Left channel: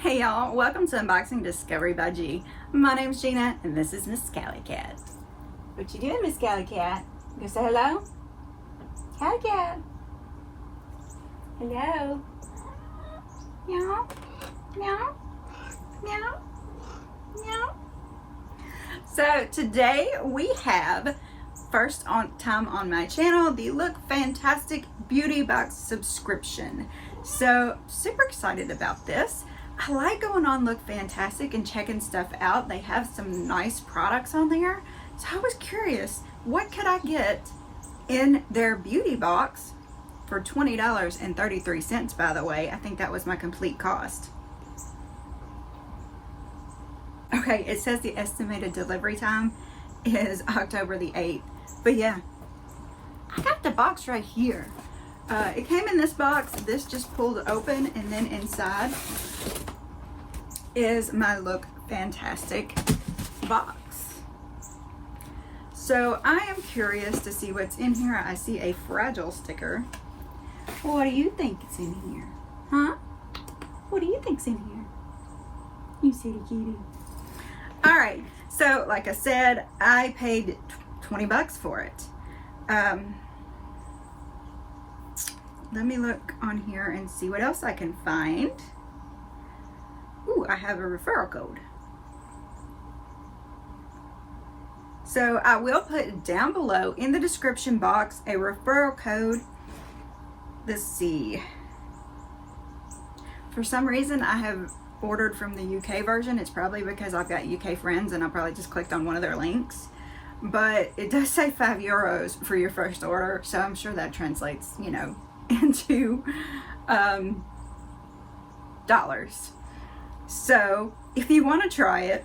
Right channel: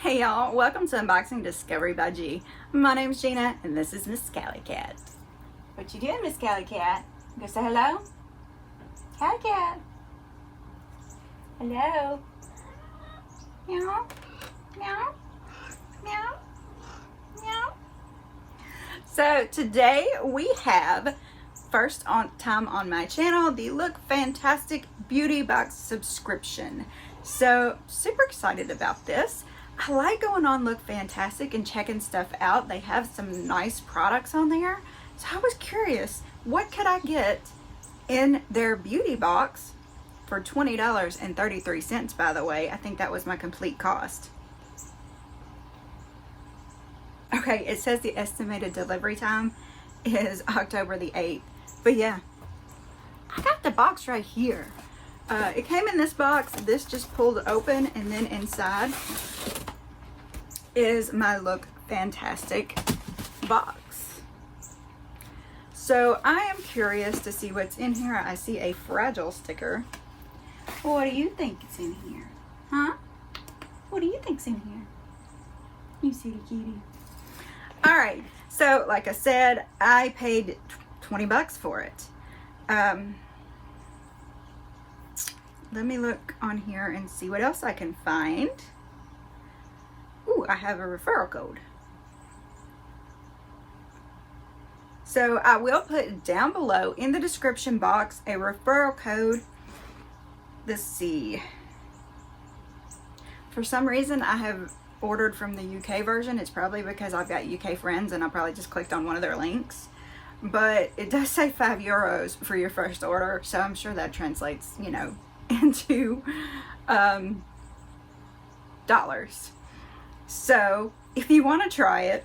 Hey y'all, welcome to Unboxing Discovery by G. My name's Gina and this is Miss Cali Cat. What you doing, Miss Cali Cat? You gonna say hello? Cali Cat. Hello. Meow. Meow. Meow. Meow. So today we have first time on my channel the Look Fantastic Beauty Box subscription. So super excited about this. I like going on Look Fantastic and checking stuff out. They have some nice products on there. So I was curious, what could I get in their beauty box for $20.33, by the way. I think that was my complete cost. Okay, it says the estimated delivery time is October the 8th. But yeah, I got the box right here. It came in this box. This just pulled open, and then inside is my Look Fantastic box. So I am curious to see what's in here. I see a fragile sticker. What do you think is in here? Huh? What do you think's in here? You silly kitty. Alright, so like I said, I paid 20 bucks for it. Let me look on here and see what else I can find. Ooh, I have a referral code. So I will put down below in the description box a referral code. Let's see. For some reason I have ordered from the UK version. It's probably because I've got UK friends and I probably just clicked on one of their links. But it does say €5 for your first order, so I'm sure that translates, you know, into dollars. So if you want to try it,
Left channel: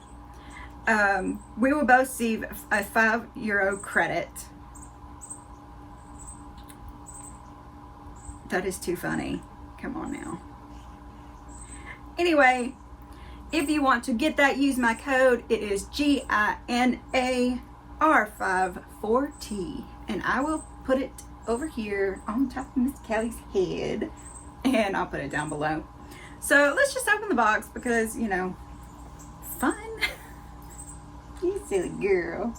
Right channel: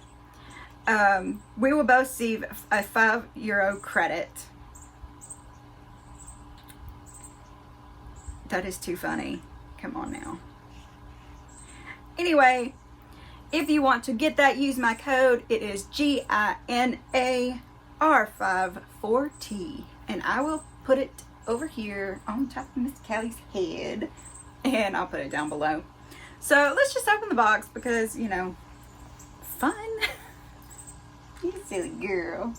we will both receive a €5 credit. That is too funny. Come on now. Anyway, if you want to get that, use my code. It is GINAR54T, and I will put it over here on top of Miss Callie's head, and I'll put it down below. So let's just open the box because, you know, fun. You silly girl.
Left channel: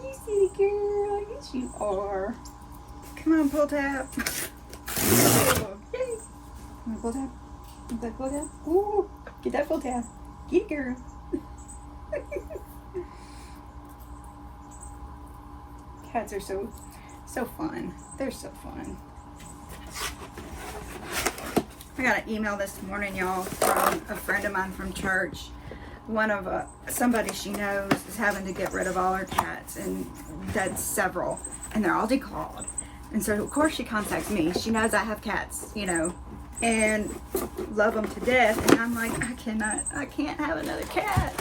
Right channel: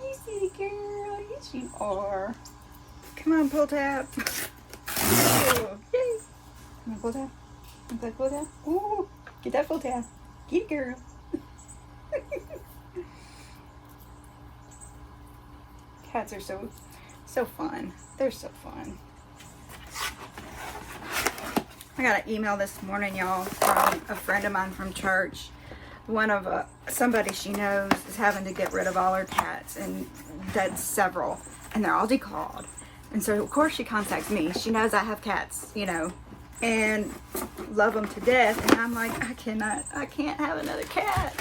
You silly girl. Yes, you are. Come on, pull tab. Oh, yay. Come on, pull tab. Get that full tab. Ooh, get that full tab. Get it, girl. Cats are so fun. They're so fun. I got an email this morning, y'all, from a friend of mine from church. One of somebody she knows is having to get rid of all her cats, and that's several, and they're all declawed. And so of course she contacts me. She knows I have cats, you know, and love them to death. And I'm like, I can't have another cat.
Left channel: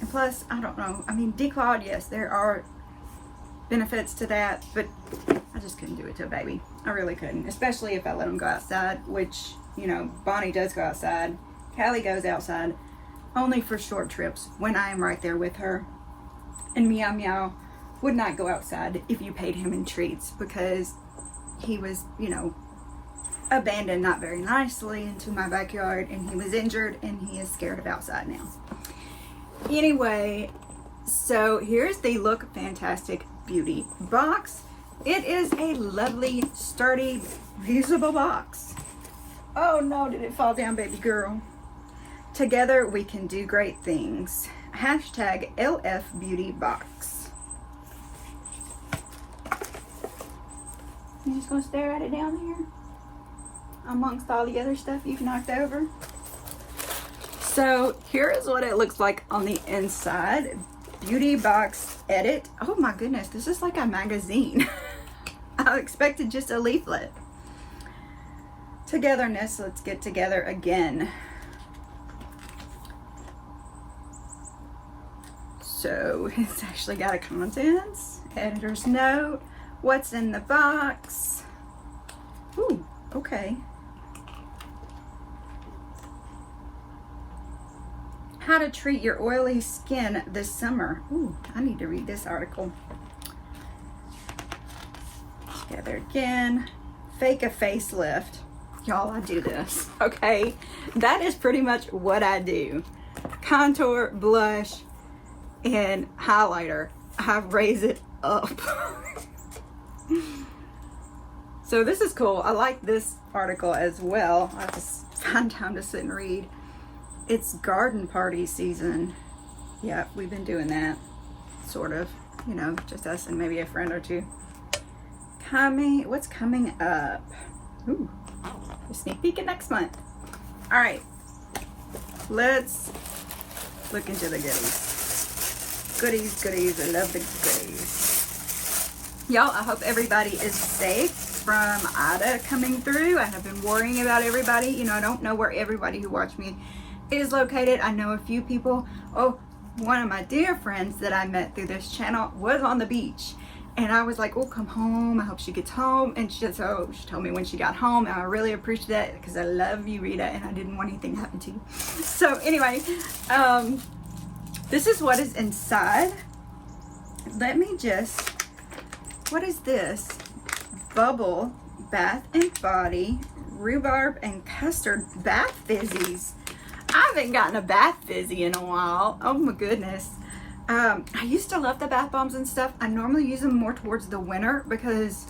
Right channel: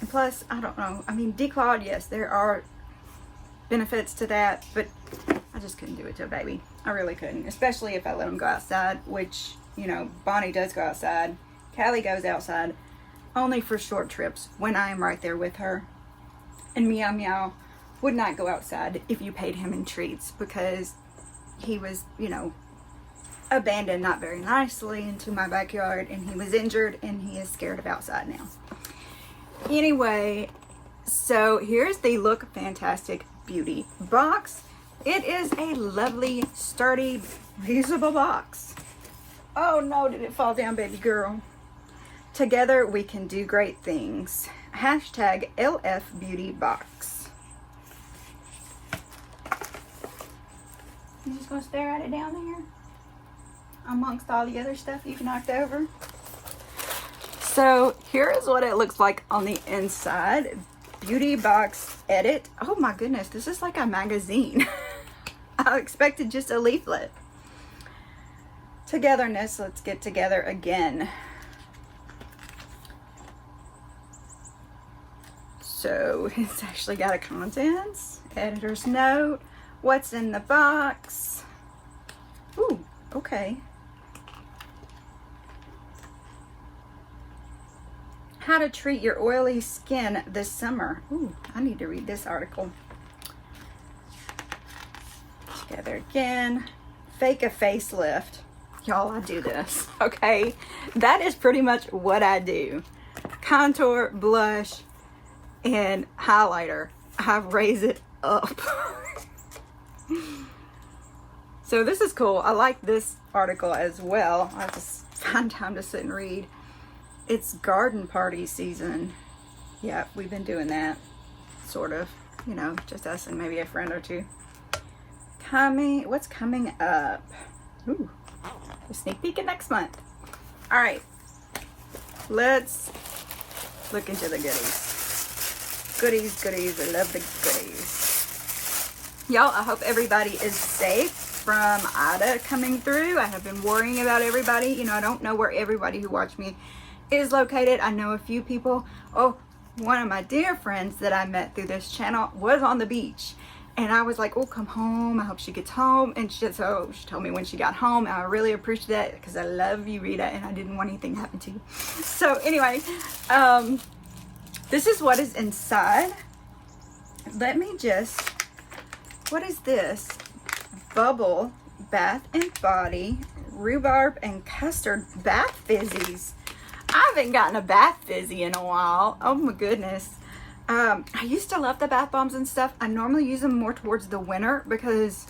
And plus, I don't know. I mean, declawed, yes, there are benefits to that, but I just couldn't do it to a baby. I really couldn't, especially if I let them go outside, which, you know, Bonnie does go outside. Callie goes outside only for short trips when I am right there with her. And Meow Meow would not go outside if you paid him in treats, because he was, you know, abandoned not very nicely into my backyard, and he was injured, and he is scared of outside now. Anyway, so here's the Look Fantastic Beauty Box. It is a lovely, sturdy, usable box. Oh no, did it fall down, baby girl? Together we can do great things. Hashtag LF Beauty Box. You just gonna stare at it down there? Amongst all the other stuff you've knocked over. So here is what it looks like on the inside. Beauty Box Edit. Oh my goodness, this is like a magazine. I expected just a leaflet. Togetherness, let's get together again. So it's actually got a contents, editor's note, what's in the box. Ooh, okay. How to treat your oily skin this summer. Ooh, I need to read this article. Together again. Fake a facelift. Y'all, I do this, okay? That is pretty much what I do. Contour, blush, and highlighter. I raise it up. So this is cool. I like this article as well. I just find time to sit and read. It's garden party season. Yeah, we've been doing that, sort of. You know, just us and maybe a friend or two. What's coming up? Ooh, a sneak peek at next month. All right, let's look into the goodies. Goodies, I love the goodies. Y'all, I hope everybody is safe from Ida coming through. I have been worrying about everybody. You know, I don't know where everybody who watched me is located. I know a few people. Oh, one of my dear friends that I met through this channel was on the beach. And I was like, oh, come home. I hope she gets home. And she told me when she got home. And I really appreciate that because I love you, Rita, and I didn't want anything to happen to you. So anyway, this is what is inside. Let me just, what is this? Bubble Bath and Body Rhubarb and Custard Bath Fizzies. I haven't gotten a bath fizzy in a while. Oh my goodness. I used to love the bath bombs and stuff. I normally use them more towards the winter because,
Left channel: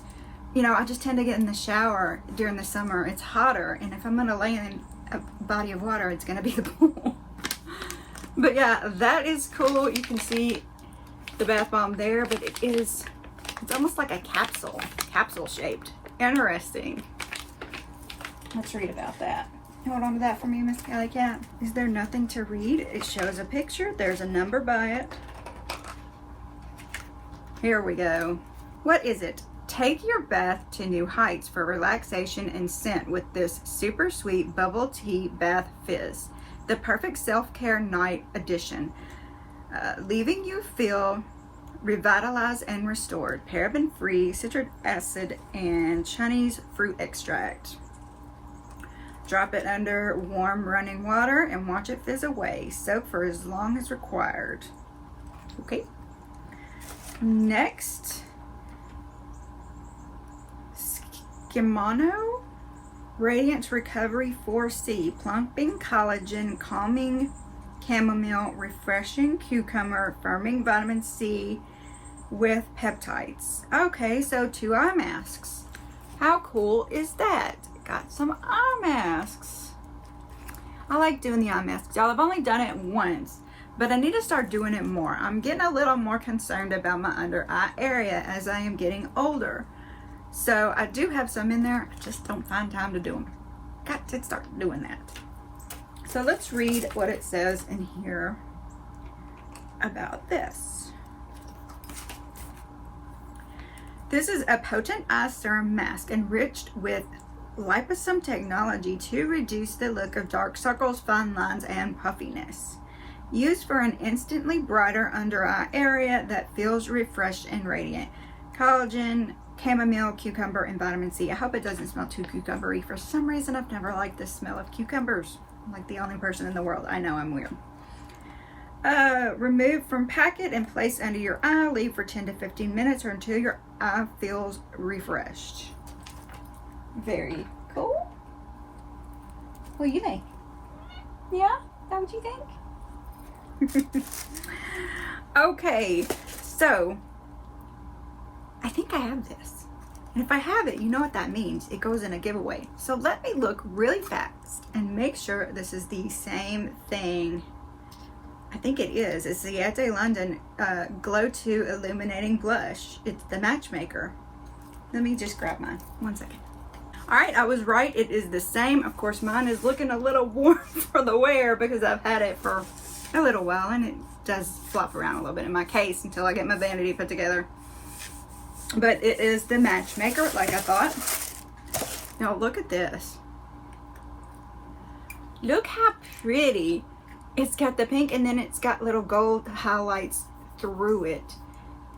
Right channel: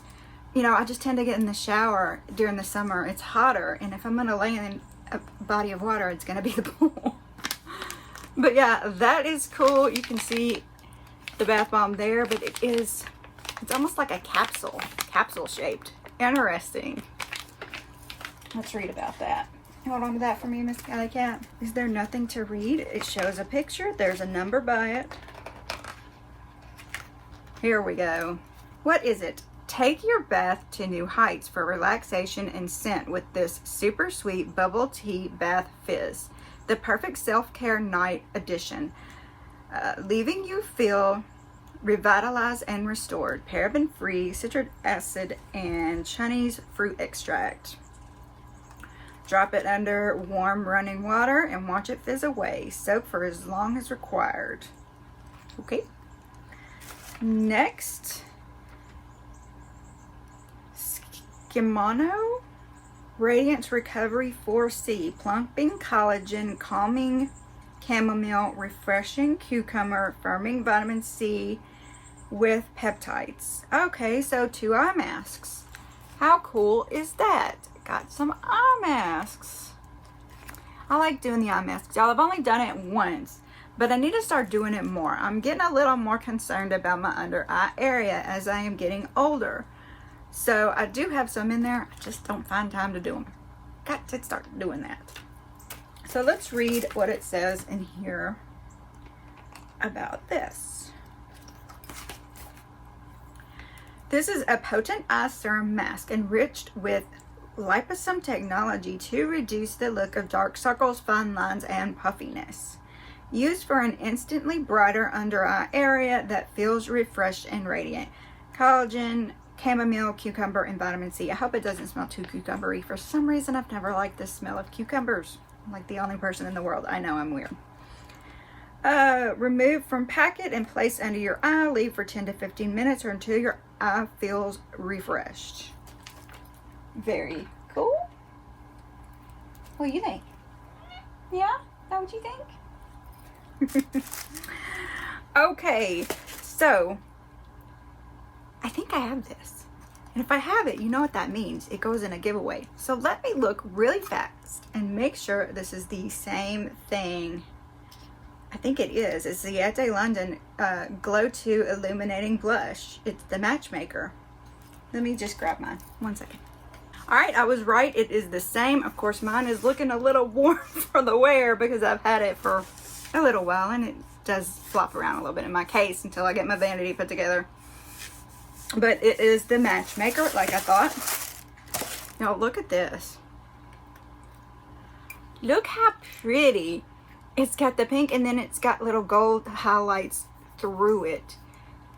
you know, I just tend to get in the shower during the summer. It's hotter, and if I'm going to lay in a body of water, it's going to be the pool. But yeah, that is cool. You can see the bath bomb there, but it's almost like a capsule shaped. Interesting. Let's read about that. Hold on to that for me, Miss Alley Cat. Is there nothing to read? It shows a picture. There's a number by it. Here we go. What is it? Take your bath to new heights for relaxation and scent with this super sweet bubble tea bath fizz. The perfect self-care night edition. Leaving you feel revitalized and restored. Paraben-free, citric acid, and Chinese fruit extract. Drop it under warm running water and watch it fizz away. Soak for as long as required. Okay. Next, Skimono Radiance Recovery 4C. Plumping collagen, calming chamomile, refreshing cucumber, firming vitamin C with peptides. Okay, so 2 eye masks. How cool is that? Got some eye masks. I like doing the eye masks. I've only done it once, but I need to start doing it more. I'm getting a little more concerned about my under eye area as I am getting older. So I do have some in there. I just don't find time to do them. Got to start doing that. So let's read what it says in here about this. This is a potent eye serum mask enriched with liposome technology to reduce the look of dark circles, fine lines, and puffiness. Used for an instantly brighter under eye area that feels refreshed and radiant. Collagen, chamomile, cucumber, and vitamin C. I hope it doesn't smell too cucumbery. For some reason, I've never liked the smell of cucumbers. I'm like the only person in the world. I know I'm weird. Remove from packet and place under your eye. Leave for 10 to 15 minutes or until your eye feels refreshed. Very cool. What do you think? Yeah? Is that what you think? Okay, so I think I have this. And if I have it, you know what that means. It goes in a giveaway. So let me look really fast and make sure this is the same thing. I think it is. It's the Ciate London Glow 2 Illuminating Blush. It's the Matchmaker. Let me just grab mine. 1 second. Alright, I was right. It is the same. Of course, mine is looking a little worn for the wear because I've had it for a little while and it does flop around a little bit in my case until I get my vanity put together. But it is the Matchmaker, like I thought. Now, look at this. Look how pretty. It's got the pink and then it's got little gold highlights through it.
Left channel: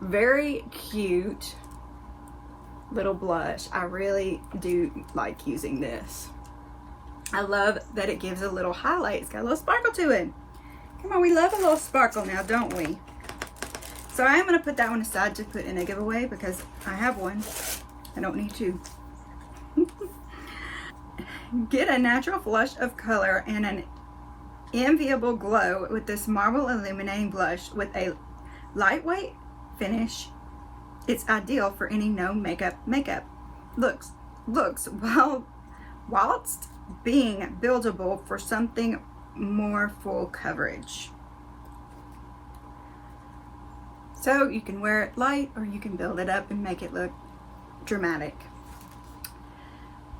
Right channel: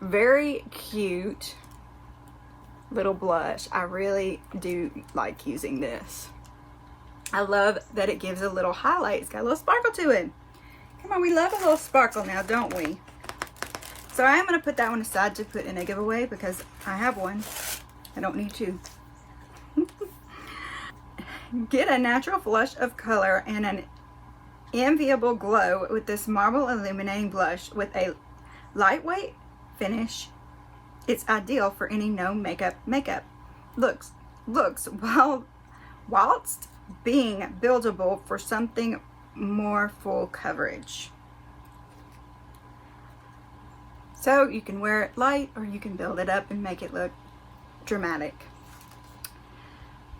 Very cute little blush. I really do like using this. I love that it gives a little highlight. It's got a little sparkle to it. Come on, we love a little sparkle now, don't we? So I am going to put that one aside to put in a giveaway because I have one. I don't need two. Get a natural flush of color and an enviable glow with this marble illuminating blush with a lightweight finish. It's ideal for any no makeup looks whilst being buildable for something more full coverage. So you can wear it light or you can build it up and make it look dramatic.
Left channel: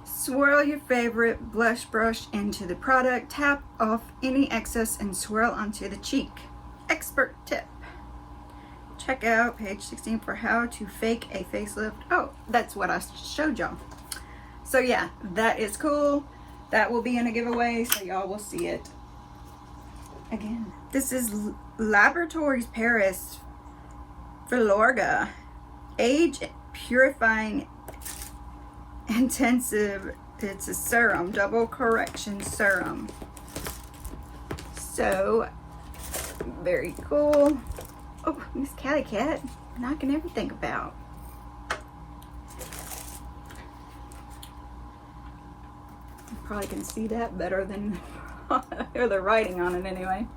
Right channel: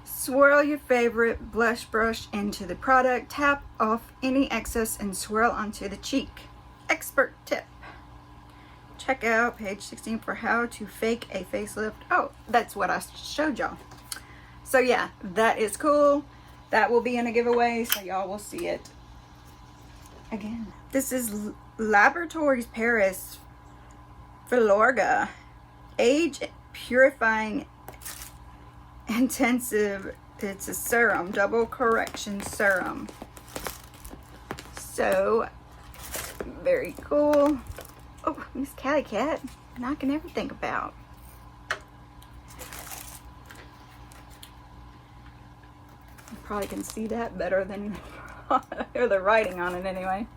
Swirl your favorite blush brush into the product, tap off any excess and swirl onto the cheek. Expert tip. Check out page 16 for how to fake a facelift. Oh, that's what I showed y'all. So yeah, that is cool. That will be in a giveaway, so y'all will see it again. This is Laboratories Paris FILORGA Age-Purifying Intensive. It's a serum, double correction serum. So very cool. Oh, Miss Catty Cat knocking everything about. You probably can see that better than the writing on it anyway.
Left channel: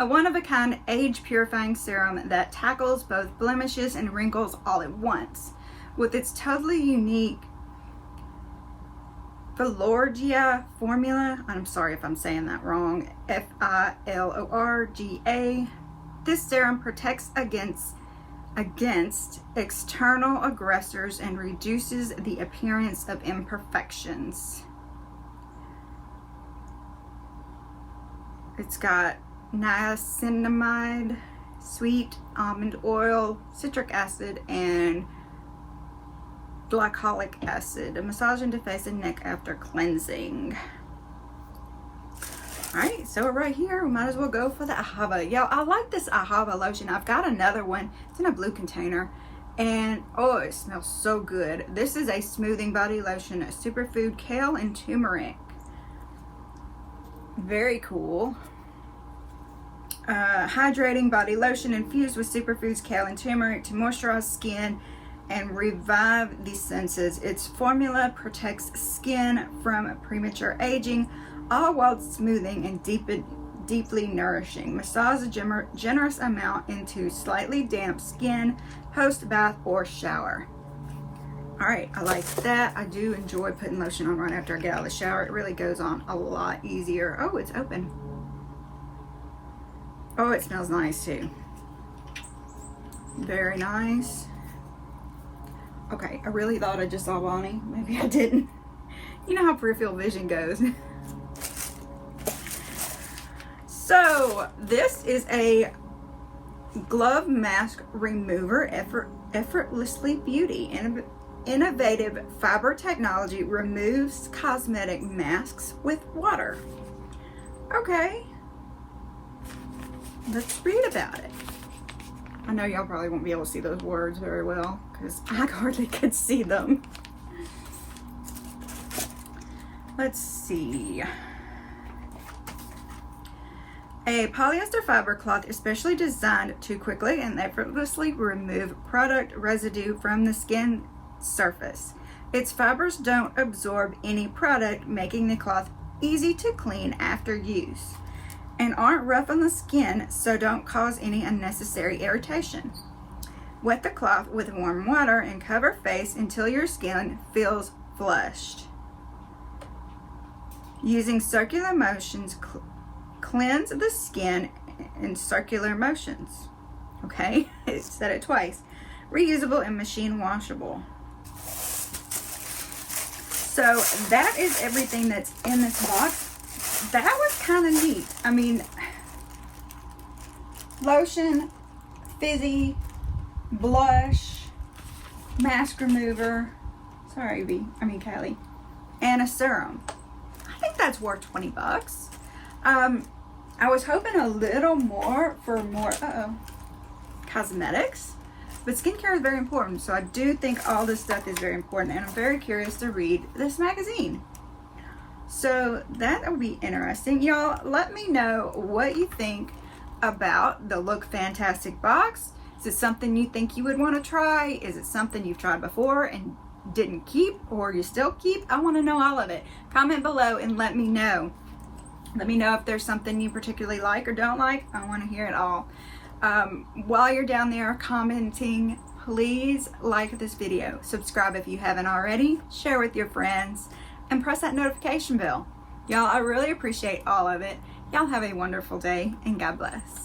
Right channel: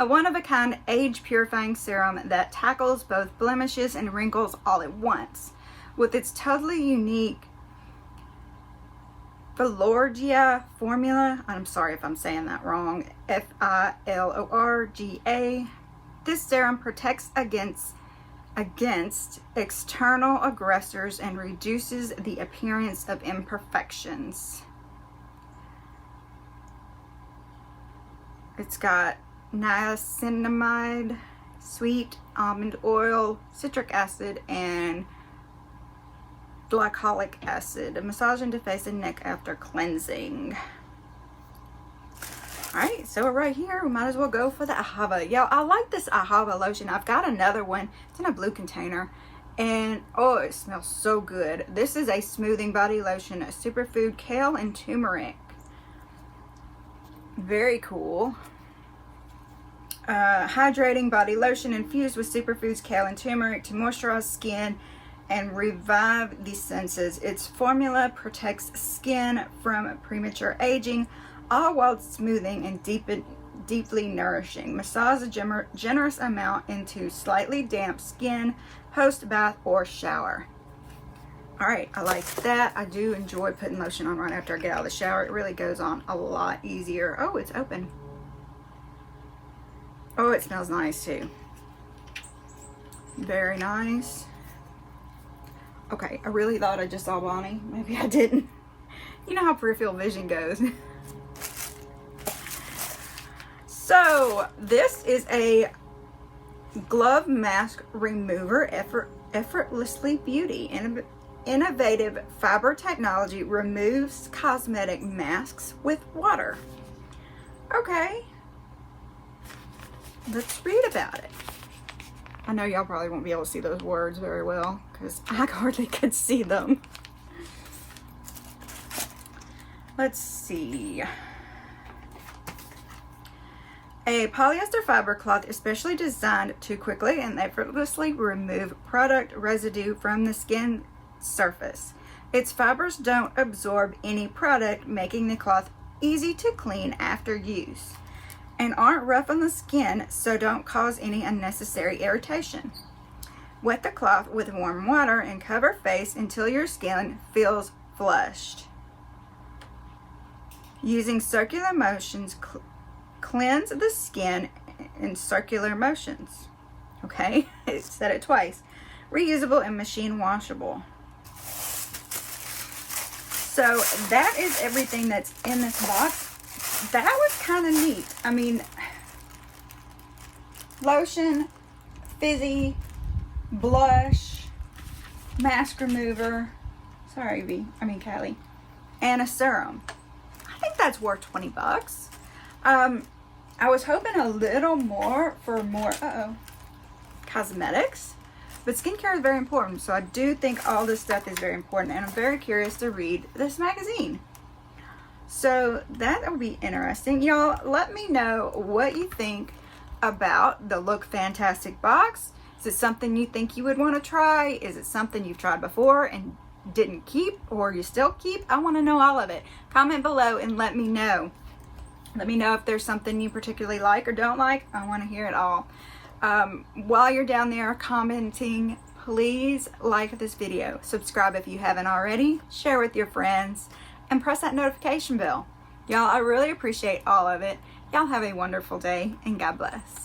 A one-of-a-kind age-purifying serum that tackles both blemishes and wrinkles all at once. With its totally unique FILORGA formula, I'm sorry if I'm saying that wrong, FILORGA, this serum protects against external aggressors and reduces the appearance of imperfections. It's got niacinamide, sweet almond oil, citric acid, and glycolic acid. A massage into face and neck after cleansing. Alright, so right here, we might as well go for the Ahava. Yo, I like this Ahava lotion. I've got another one. It's in a blue container. And, oh, it smells so good. This is a smoothing body lotion, a superfood, kale, and turmeric. Very cool. Hydrating body lotion infused with superfoods, kale, and turmeric to moisturize skin and revive the senses. Its formula protects skin from premature aging, all while smoothing and deeply nourishing. Massage a generous amount into slightly damp skin post-bath or shower. Alright, I like that. I do enjoy putting lotion on right after I get out of the shower. It really goes on a lot easier. Oh, it's open. Oh, it smells nice too. Very nice. Okay, I really thought I just saw Bonnie. Maybe I didn't. You know how peripheral vision goes. So, this is a Glov mask remover, effortlessly beauty. Innovative fiber technology removes cosmetic masks with water. Okay. Let's read about it. I know y'all probably won't be able to see those words very well because I hardly could see them. Let's see. A polyester fiber cloth especially designed to quickly and effortlessly remove product residue from the skin surface. Its fibers don't absorb any product, making the cloth easy to clean after use, and aren't rough on the skin, so don't cause any unnecessary irritation. Wet the cloth with warm water and cover face until your skin feels flushed. Using circular motions, cleanse the skin in circular motions. Okay, I said it twice. Reusable and machine washable. So that is everything that's in this box. That was kind of neat. I mean, lotion, fizzy, blush, mask remover, Callie, and a serum. I think that's worth 20 bucks. I was hoping a little more for more cosmetics, but skincare is very important, so I do think all this stuff is very important, and I'm very curious to read this magazine. So that will be interesting. Y'all, let me know what you think about the Look Fantastic box. Is it something you think you would want to try? Is it something you've tried before and didn't keep or you still keep. I want to know all of it. Comment below and let me know. Let me know if there's something you particularly like or don't like. I want to hear it all. While you're down there commenting, please like this video. Subscribe if you haven't already. Share with your friends. And press that notification bell. Y'all, I really appreciate all of it. Y'all have a wonderful day and God bless.